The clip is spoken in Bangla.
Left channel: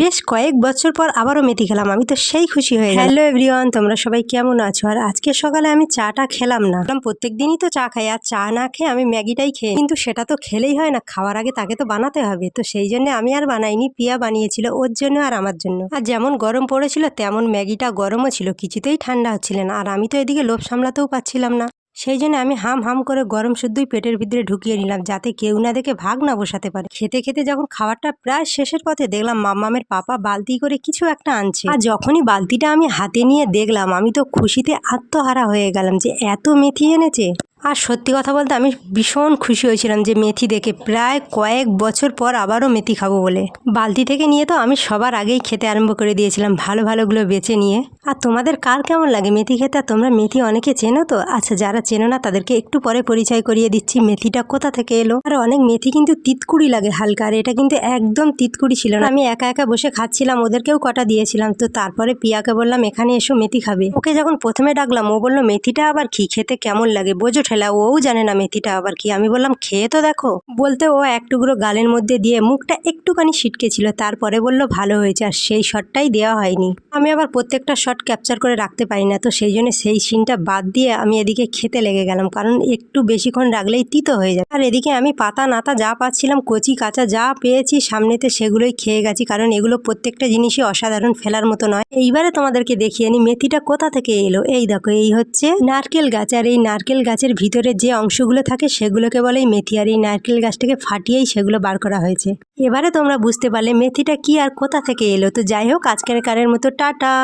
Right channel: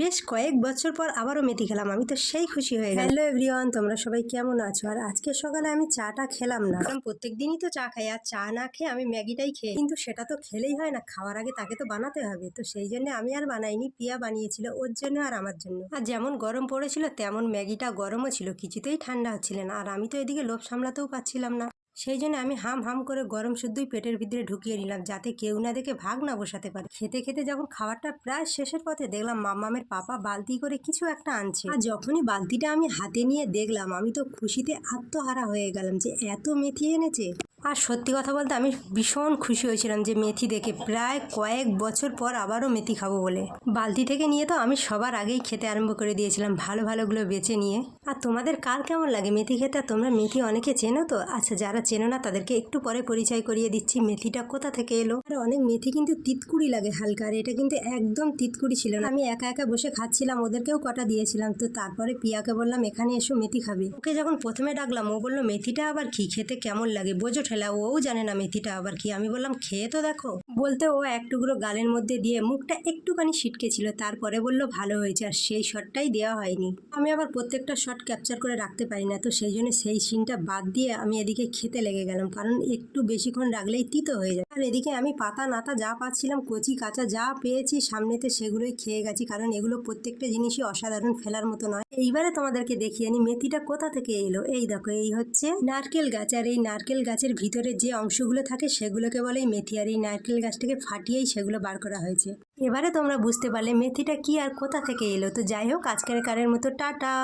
বেশ কয়েক বছর পর আবারও মেথি খেলাম। আমি তো সেই খুশি হয়ে গেলাম। হ্যালো এভরিওয়ান, তোমরা সবাই কেমন আছো? আর আজকে সকালে আমি চাটা খেলাম না। প্রত্যেক দিনই তো চা খাই, আর চা না খেয়ে আমি ম্যাগিটাই খেয়ে, কিন্তু সেটা তো খেলেই হয় না, খাওয়ার আগে তাকে তো বানাতে হবে। তো সেই জন্য আমি আর বানাইনি, পিয়া বানিয়েছিল ওর জন্য আর আমার জন্য। আর যেমন গরম পড়েছিল তেমন ম্যাগিটা গরমও ছিল, কিছুতেই ঠান্ডা হচ্ছিল না। আর আমি তো এদিকে লোভ সামলাতেও পাচ্ছিলাম না। সেই জন্য আমি হাম হাম করে গরম শুদ্ধই পেটের ভিতরে ঢুকিয়ে নিলাম, যাতে কেউ না দেখে ভাগ না বসাতে পারে। খেতে খেতে যখন খাবারটা প্রায় শেষের পথে দেখলাম মাম্মামের পাপা বালতি করে কিছু একটা আনছে। আর যখনই বালতিটা আমি হাতে নিয়ে দেখলাম, আমি তো খুশিতে আত্মহারা হয়ে গেলাম যে এত মেথি এনেছে। আর সত্যি কথা বলতে আমি ভীষণ খুশি হয়েছিলাম যে মেথি দেখে, প্রায় কয়েক বছর পর আবারও মেথি খাবো বলে। বালতি থেকে নিয়ে তো আমি সবার আগেই খেতে আরম্ভ করে দিয়েছিলাম, ভালো ভালোগুলো বেছে নিয়ে। আর তোমাদের কার কেমন লাগে মেথি খেতে? আর তোমরা মেথি অনেকে চেনো তো? আচ্ছা, যারা চেনো না তাদেরকে একটু পরে পরিচয় করিয়ে দিচ্ছি মেথিটা কোথা থেকে এলো। আর অনেক মেথি কিন্তু তিতকুড়ি লাগে হালকা, আর এটা কিন্তু একদম তিতকুড়ি ছিল না। আমি একা একা বসে খাচ্ছিলাম, ওদেরকেও কটা দিয়েছিলাম। তো তারপরে পিয়াকে বললাম এখানে এসো মেথি খাবে। ওকে যখন প্রথমে ডাকলাম ও বললো মেথিটা আবার কি, খেতে কেমন লাগে বোঝো ঠেলা। ওও জানে না মেথিটা আবার কি। আমি বললাম খেয়ে তো দেখো। বলতে ও এক টুকরো গালের মধ্যে দিয়ে মুখটা একটুখানি ছিটকে ছিল, তারপরে বললো ভালো হয়েছে। আর সেই শটটাই দেওয়া হয়নি। আমি আবার প্রত্যেকটা শট ক্যাপচার করে রাখতে পারি না, তো সেই জন্য সেই সিনটা বাদ দিয়ে আমি এদিকে খেতে লেগে গেলাম, কারণ একটু বেশিক্ষণ রাখলেই তিতো হয়ে যায়। আর এদিকে আমি পাতা নাতা যা পাচ্ছিলাম, কচি কাঁচা যা পেয়েছি সামনেতে সেগুলোই খেয়ে গেছি, কারণ এগুলো প্রত্যেকটা জিনিসই অসাধারণ, ফেলার মতো নয়। এইবারে তোমাদেরকে দেখিয়ে নি মেথিটা কোথা থেকে এলো। এই দেখো, এই হচ্ছে নারকেল গাছ, আর এই নারকেল গাছের ভিতরে যে অংশগুলো থাকে সেগুলোকে বলেই মেথি, আর এই নারকেল গাছটাকে ফাটিয়েই সেগুলো বার করা হয়েছে। এবারে তোমরা বুঝতে পারলে মেথিটা কি আর কোথা থেকে এলো। তো যাই হোক, আজকের কারের মতো টাটা।